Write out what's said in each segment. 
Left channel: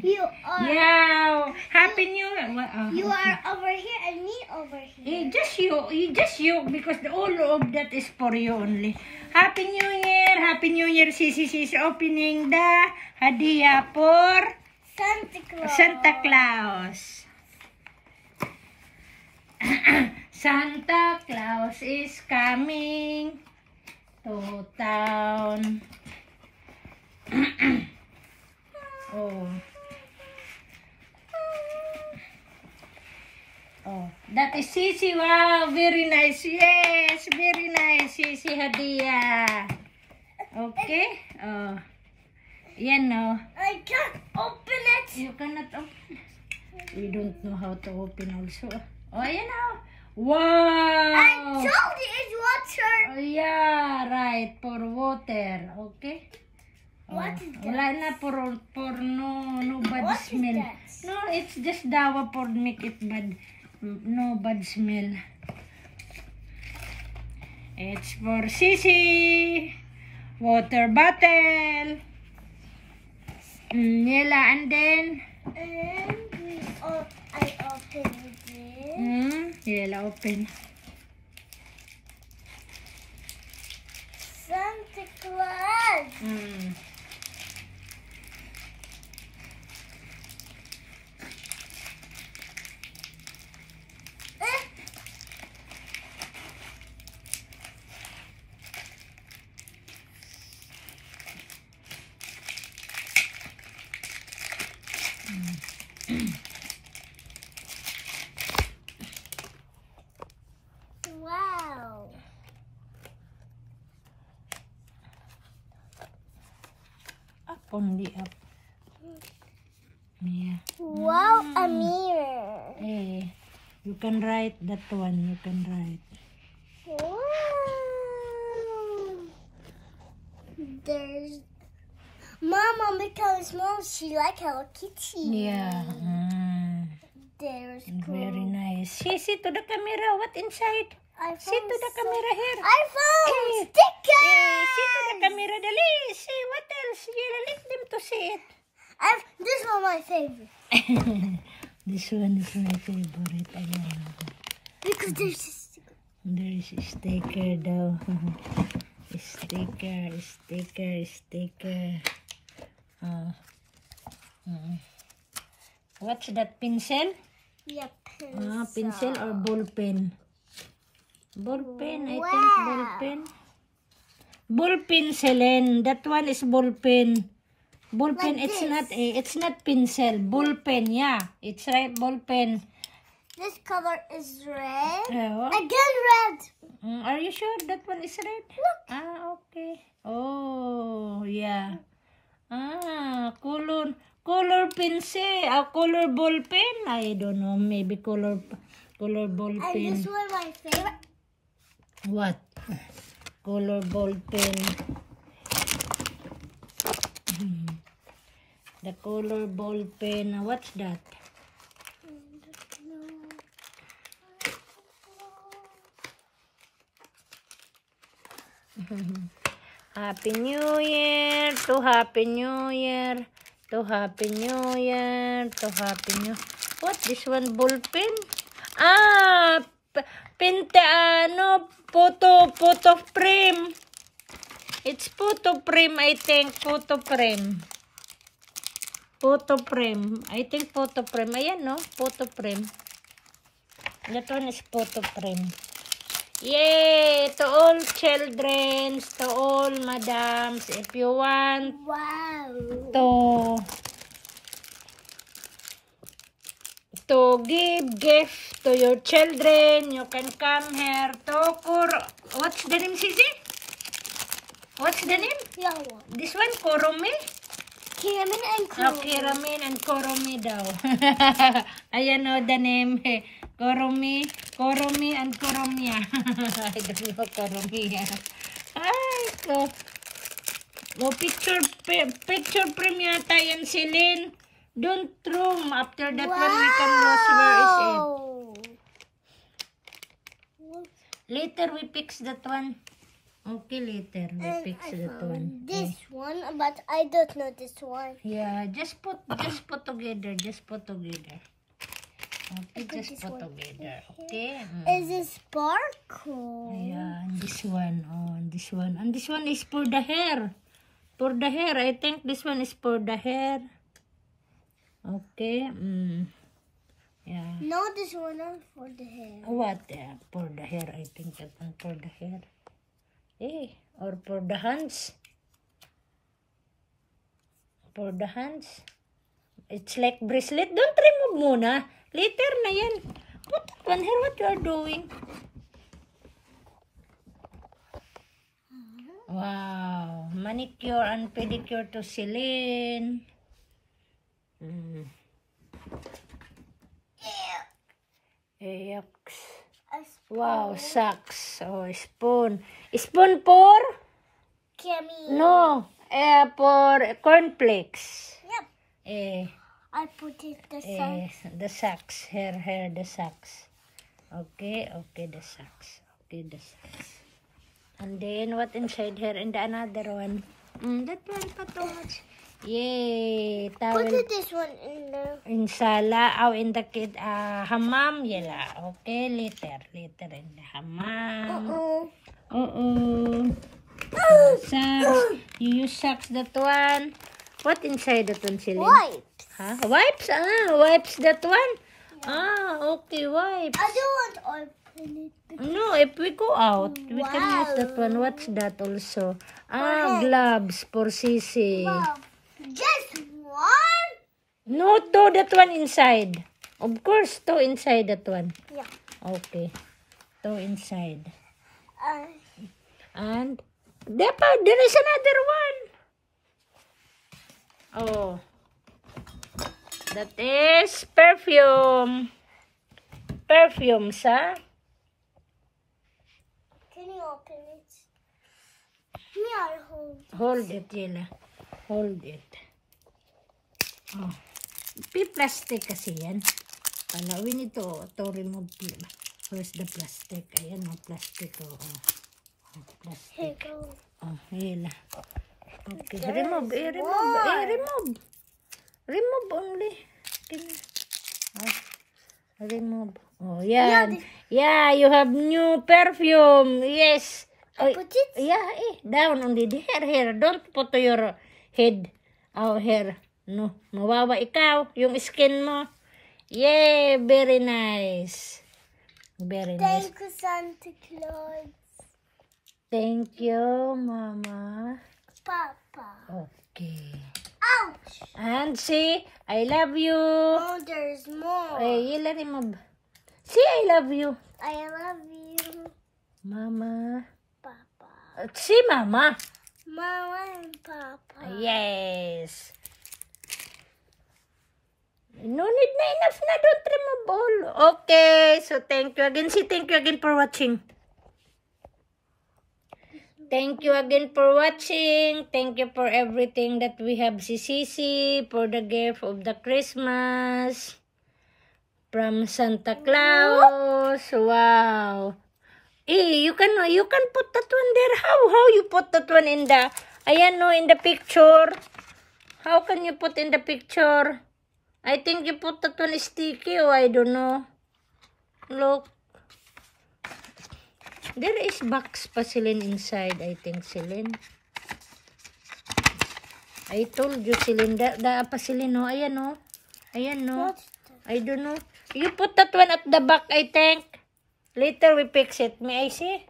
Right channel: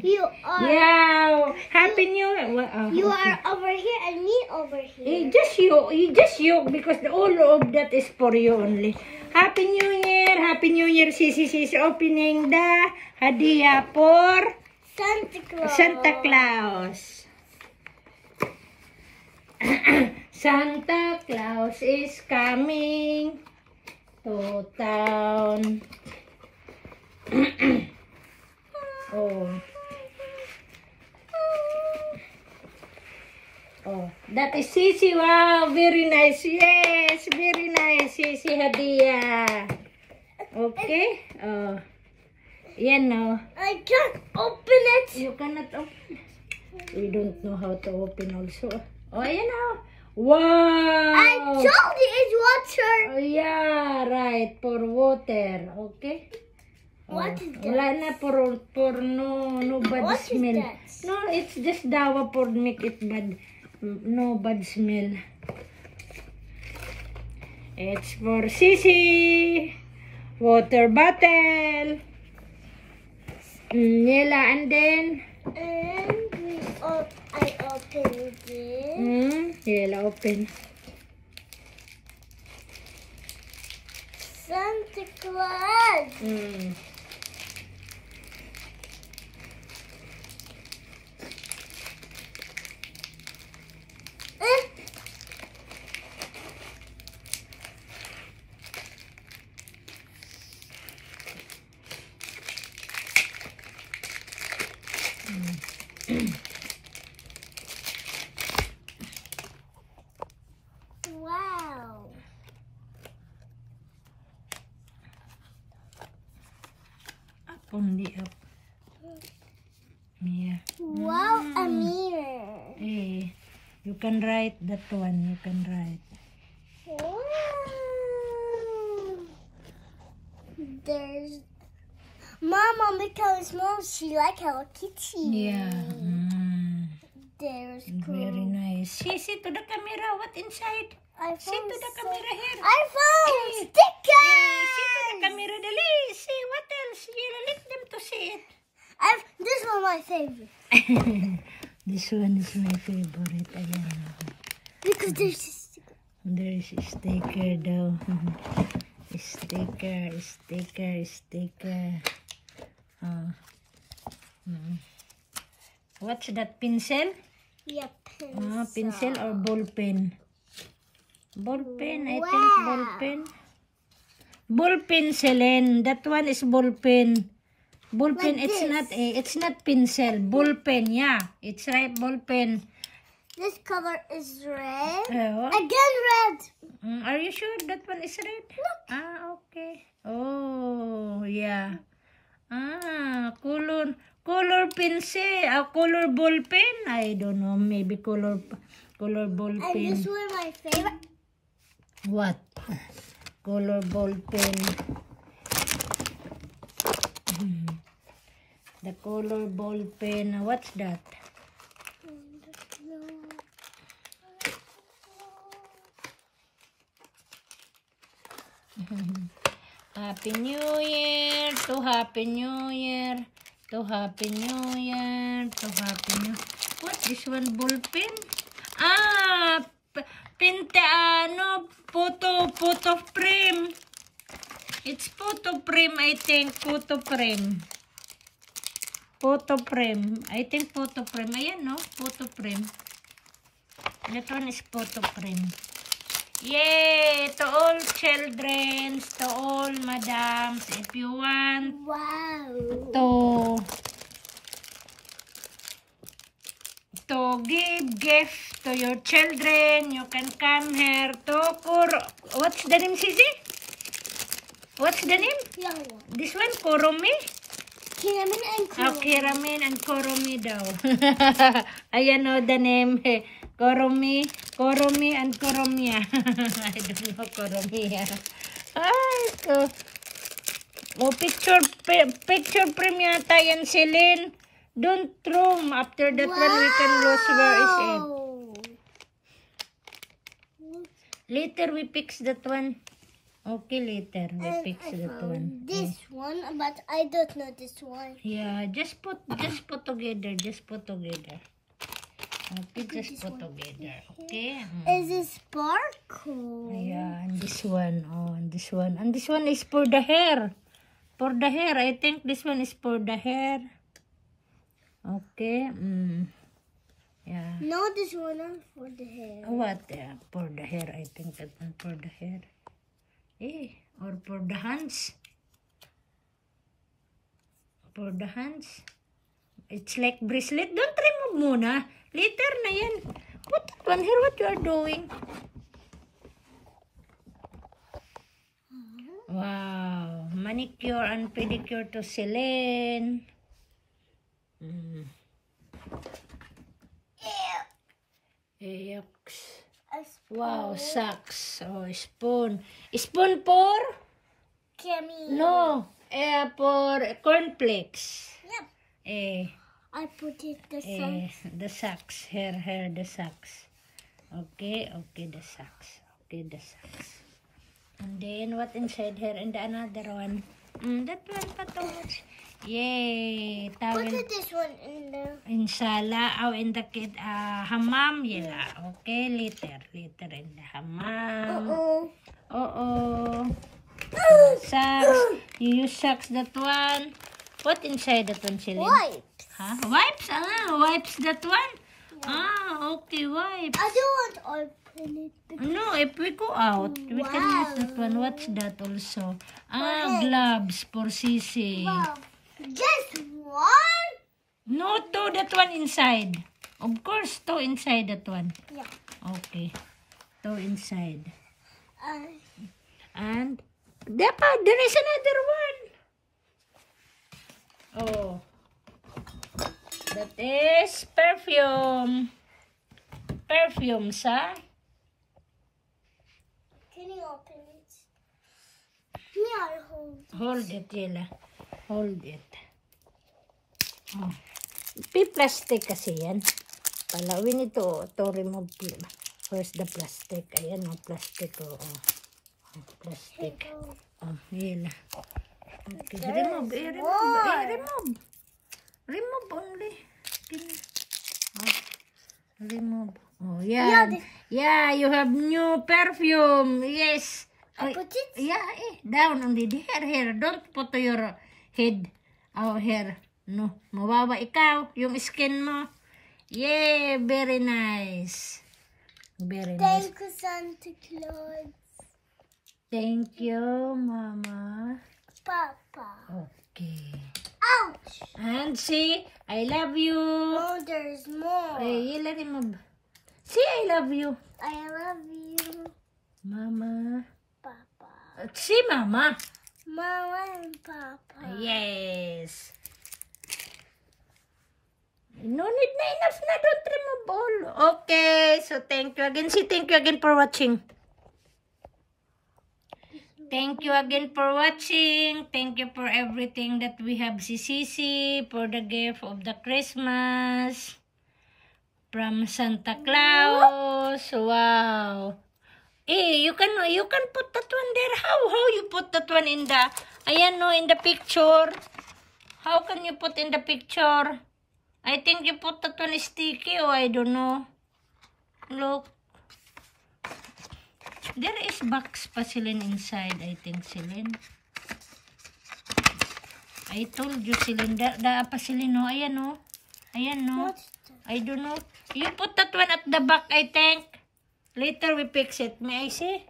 You are. Yeah. Happy New Year. You are over here and me over here. Just you, because all of that is for you only. Happy New Year. Happy New Year. Sisi is opening the hadiah for Santa Claus. Santa Claus. Santa Claus is coming to town. Oh. Oh, that is Sisi. Wow, very nice. Yes, very nice. Sisi hadiah. Okay. Oh. Yan no. I can't open it. You cannot open. We don't know how to open also. Oh, ayan na. Wow! I told you it's water. Oh, yeah, right. For water. Okay? What is that? Wala na for no bad What is smell. that? No, it's just dawa for make it bad. No bad smell. It's for Sisi. Water bottle. Nila, and then And I opened it. Nila open. Santa Claus. Wow. Up only up. Yeah. Wow, a mirror. Eh, you can write that one. You can write. Wow. There's Mama because Mom she like Hello Kitty. Yeah. There's Very nice. See to the camera. What inside? iPhone. See to the camera here. iPhone Eh, sticker. see to the camera. Dali. See what else? You let them to see it. This one my favorite This one is my favorite. I know. because there's a sticker. There's a sticker though. Sticker. What's that, pencil? Yep. Pencil or ball pen? Ball pen, I think Wow. ball pen. Ball pen, Selen. That one is ball pen. Ball pen, Like it's not pencil. Ball pen, yeah. It's right, ball pen. This color is red. What? Again red. Are you sure that one is red? Look. Okay. Oh, yeah. Color pencil. Color ball pen. I don't know. Maybe color ball And pen. this one my favorite. What? Color ball pen. The color ball pen. What's that? Happy New Year to Happy New Year to Happy New Year to Happy New. What this one, ball pen? Photo frame. It's photo frame, I think. Photo frame. I think photo frame. Ayan, no? Photo frame. That one is photo frame. Yay! To all children, to all madams, if you want Wow. to give gift to your children, you can come here to what's the name, Sisi? What's the name? Yeah, one. This one, Kuromi? Kiramin and Kuro. Kiramin and Kuromi daw. Ayan o, the name. Kuromi and Kuromia. I don't know Kuromia. Ay, ko. Oh, picture frame yata yan, Celine. Don't throw. After that one, we can lose. Where is it? Later, we fix that one. Okay, later we And fix I that found one. this one, but I don't know this one. Yeah, just put together. Just put together. Okay, put just this put one together. Okay. Is it sparkle? Yeah, and this one. Oh, and this one. And this one is for the hair. For the hair. I think this one is for the hair. Okay. Yeah. No, this one is for the hair. What? Yeah, for the hair. I think that one for the hair. Or for the hands. For the hands. It's like bracelet. Don't remove muna. Later na yan. Put that one here. What you are doing? Wow. Manicure and pedicure to Celine. Yucks. A spoon. Wow, socks. Oh, spoon. Spoon for? Kimmy. No. For cornflakes. Yep. Eh. I put it the sun. The socks. Here, the socks. Okay, the socks. Okay, the socks. And then, what inside here? And the another one. That one pa too much. Yay! Towel. Put this one in there. In sala. In the kid. Hammam. Yala. Okay, later. Later in the hammam. Socks. You use socks that one. What inside that one, Celine? Wipes. Huh? Wipes? Wipes that one? Okay, wipes. I don't want to open it. No, if we go out, we can use that one. What's that also? Gloves for Sisi. Wow. Just one? No, two, that one inside. Of course, two inside that one. Yeah. Okay. Two inside. Uh, And there is another one. Oh. That is perfume. Perfume, sa? can you open it? Yeah, hold. Hold it, Yela. Hold it. Oh. Plastic kasi yan. Palawin ito to remove first the plastic. Ayan, plastic. Plastic. Yela. Okay, remove. Remove only. Remove. Yeah. Yeah, you have new perfume. Yes. I put it? Yeah, down on the hair. Don't put to your head. Hair. No, mawawa ikaw. Yung skin mo. Yeah, very nice. Very nice. Thank you, Santa Claus. Thank you, Mama. Papa. Okay. Ouch. And see, I love you. Oh, there's more. Yela remove. See, I love you. I love you, Mama. Papa. See, Mama. Mama and Papa. Yes. No need na, enough na. Don't remove all. Okay, so thank you again. See, thank you again for watching. Thank you again for watching. Thank you for everything that we have si Sisi for the gift of the Christmas from Santa Claus. Wow. You can put that one there. How you put that one in the in the picture? How can you put in the picture? I think you put that one sticky or I don't know. Look. There is box pa Celine inside, I think, Celine. I told you, Celine. Pa Celine, no? Ayan, no? Ayan, no? I don't know. You put that one at the back, I think. Later we fix it. May I see?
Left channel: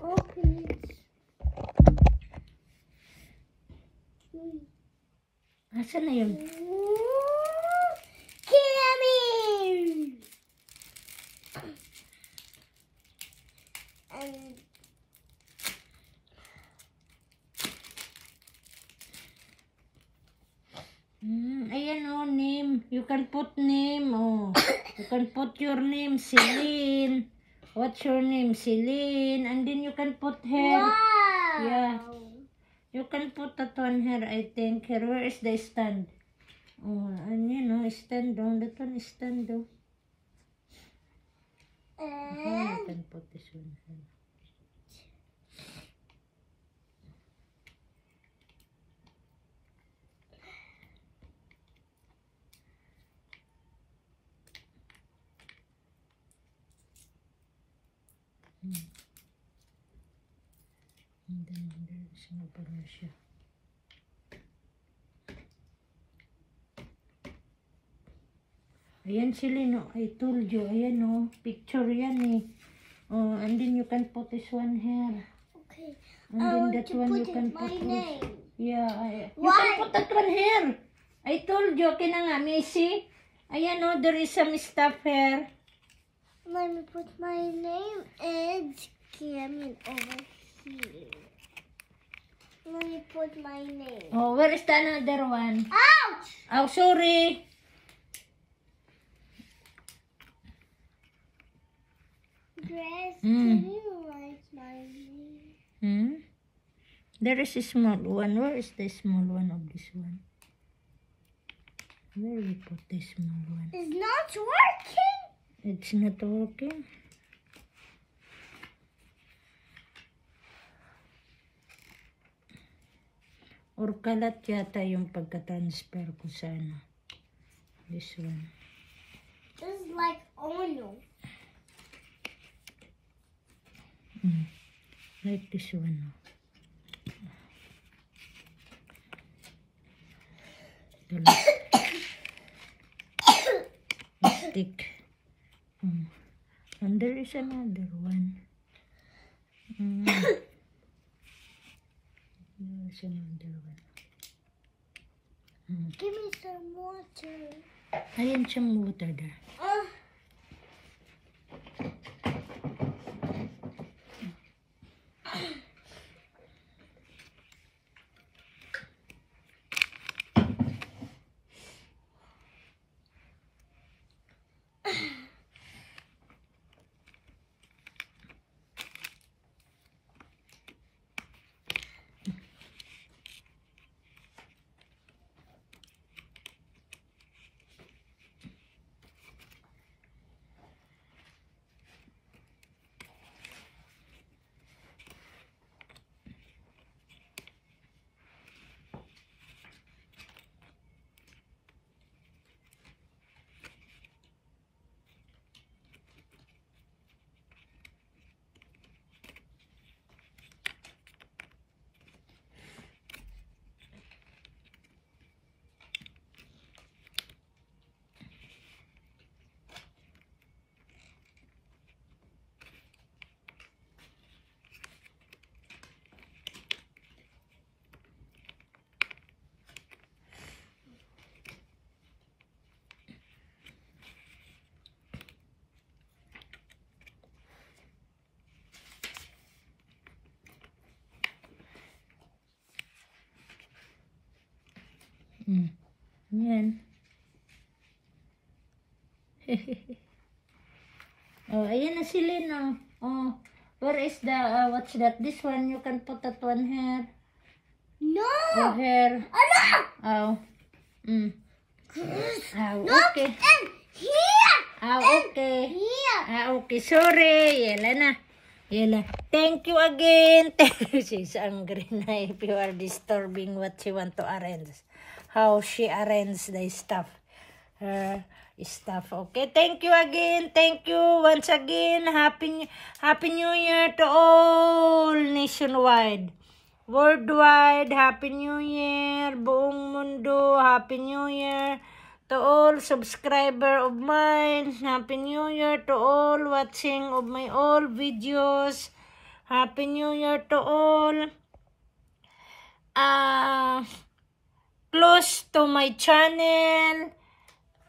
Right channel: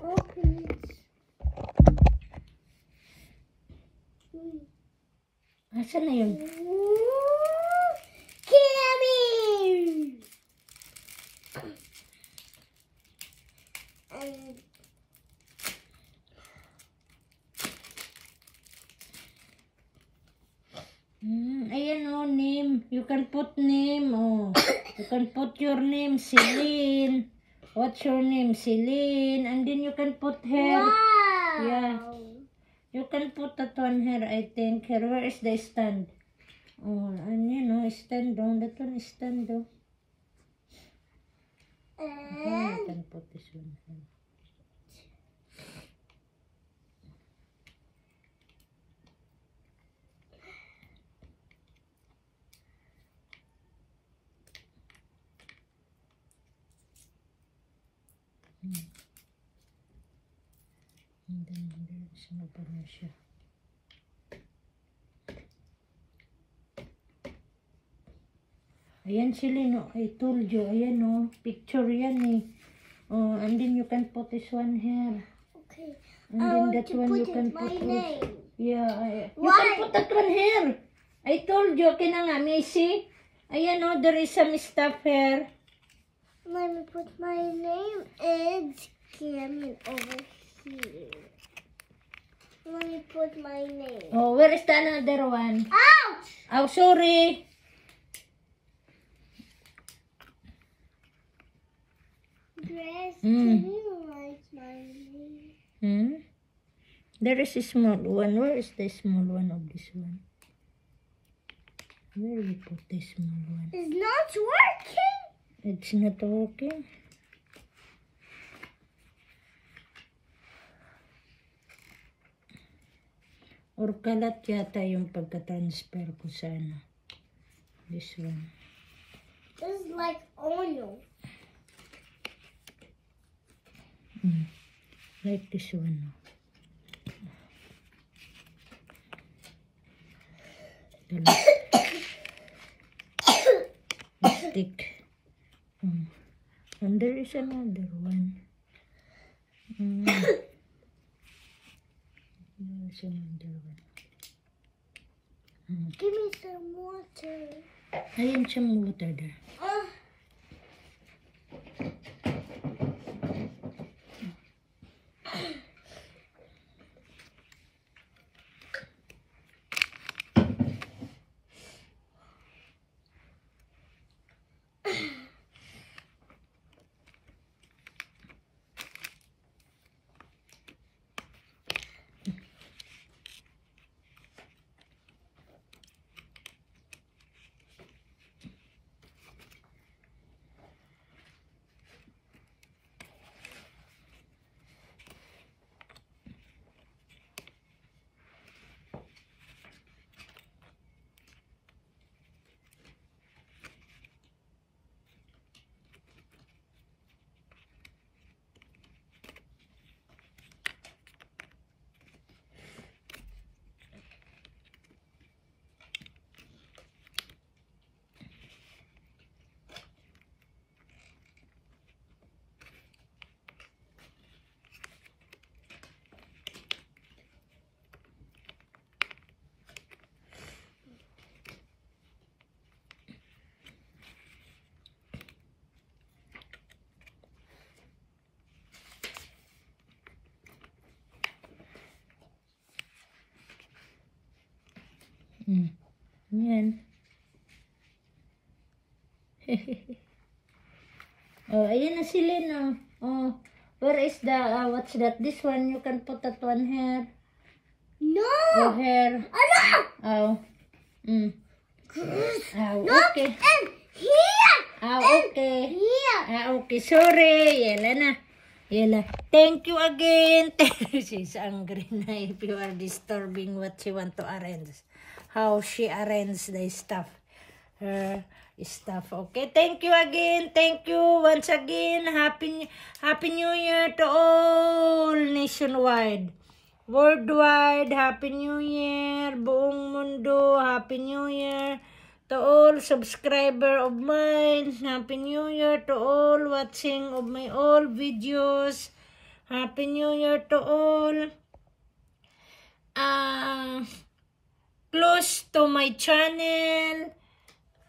Open it. Asan na yun? Kimmy! Ayan name. You can put name. You can put your name, Celine. What's your name? Celine. And then you can put here. Wow! Yeah. You can put that one here, I think. Here, where is the stand? And stand down. That one is stand down. You can put this one here. Sino pa na siya? Ayan sila, no? I told you. Ayan, no? Picture yan, eh. Oh, and then you can put this one here. Okay. And I then want that to one put you can my put. name. Yeah. You Why? can put that one here. I told you. Okay na nga, Macy. Ayan, no? There is some stuff here. Let me put my name and Cameron over here. Let me put my name. Oh, where is the another one? Ouch! Oh, sorry. Grace, Mm. can you write my name? There is a small one. Where is the small one of this one? Where you put the small one? It's not working. It's not working. Or kalat yata yung pagka-transfer ko sa ano. This one. This is like oil. Like this one. Stick. And there is another one. There's another one. Give me some water. Ayan siyang water there. Yan. Oh, ayan na sila, no? Oh, where is the, what's that? This one, you can put that one here. No! Oh, here. No! Oh. Oh, Look okay. in here! Oh, okay. Here! Okay, sorry. Yala na. Yala. Thank you again. She's angry na if you are disturbing what she want to arrange. How she arrange the stuff. Her stuff. Okay, thank you again. Thank you once again. Happy New Year to all nationwide. Worldwide, Happy New Year. Buong mundo, Happy New Year. To all subscriber of mine, Happy New Year. To all watching of my all videos, Happy New Year to all. Close to my channel.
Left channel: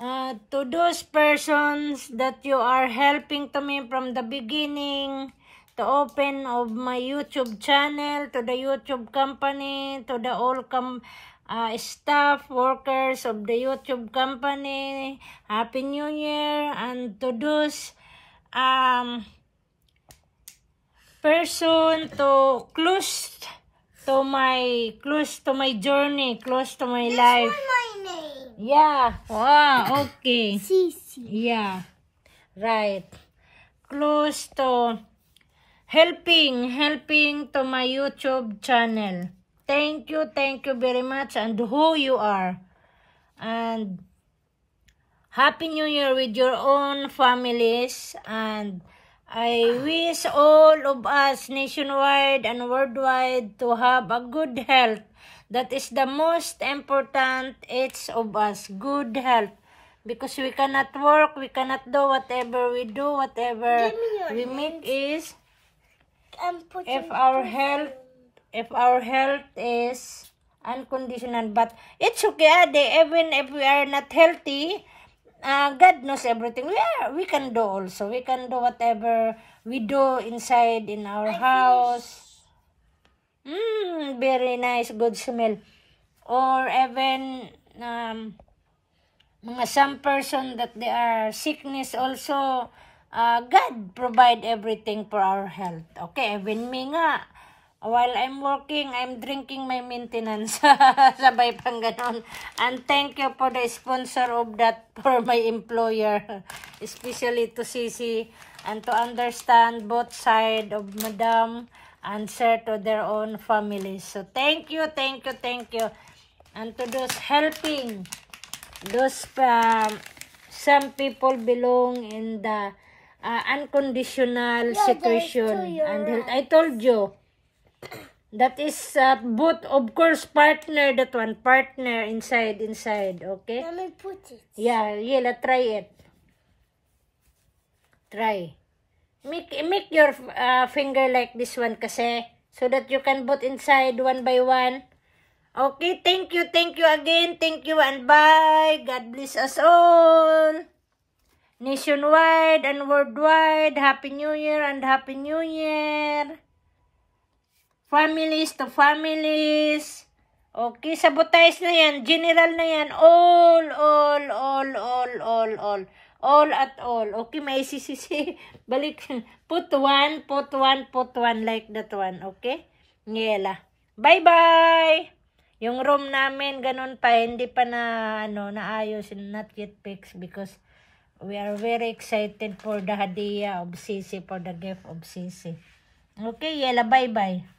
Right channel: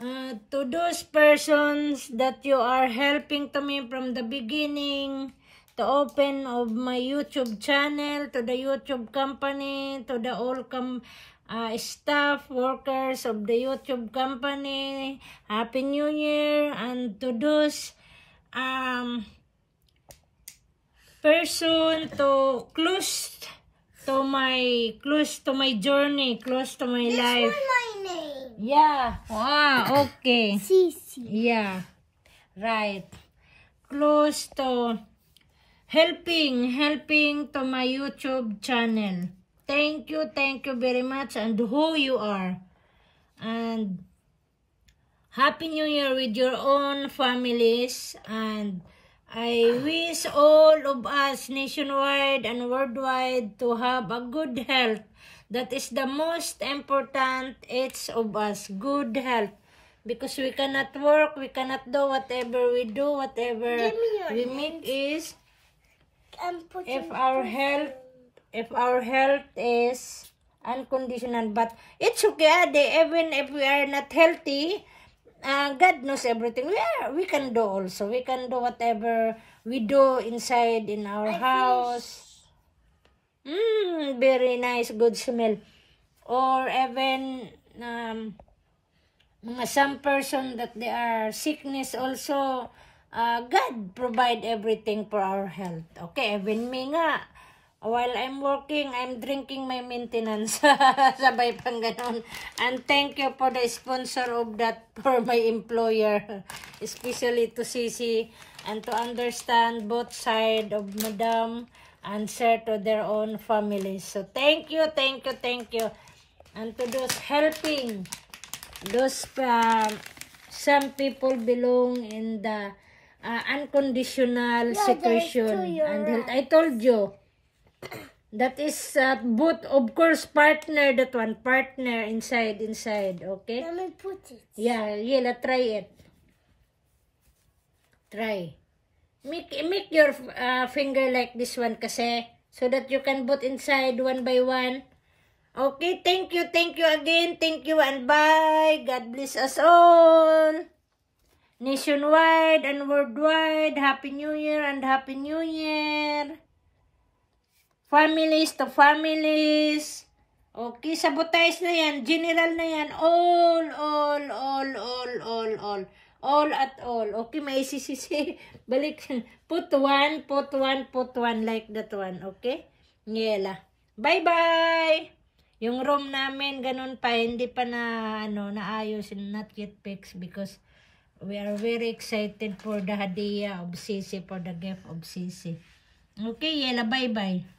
To those persons that you are helping to me from the beginning to open of my YouTube channel, to the YouTube company, to the all staff, workers of the YouTube company, Happy New Year. And to those person to close to my journey, close to my life. This one my name. Yeah. Wow, okay. Cece. Yeah. Right. Close to helping to my YouTube channel. Thank you very much, and who you are. And Happy New Year with your own families, and I wish all of us nationwide and worldwide to have a good health. That is the most important, each of us, good health. Because we cannot work, we cannot do whatever we do, whatever Give me your we hand. make is I'm putting if our health is unconditional. But it's okay, Ade, even if we are not healthy, God knows everything. We can do also. We can do whatever we do inside in our house. Very nice, good smell. Or even mga some person that they are sickness also, God provide everything for our health. Okay, even me nga, while I'm working, I'm drinking my maintenance. Sabay pang ganon. And thank you for the sponsor of that for my employer, especially to Sisi, and to understand both side of Madam and share to their own families. So thank you. And to those helping, those some people belong in the unconditional secretion and health. I told you that is both, of course, partner, that one partner inside, okay? Let me put it. Yeah, try it. Try. Make your finger like this one kasi, so that you can put inside one by one. Okay, thank you again. Thank you and bye. God bless us all. Nationwide and worldwide, Happy New Year and Happy New Year. Families to families. Okay, sabotage na yan. General na yan. All at all. Okay, may sisisi. Balik. Put one like that one. Okay? Ngela. Bye-bye! Yung room namin, ganun pa, hindi pa na, naayos, not yet fixed because we are very excited for the hadiah of Sisi, for the gift of Sisi. Okay, Yela, bye-bye.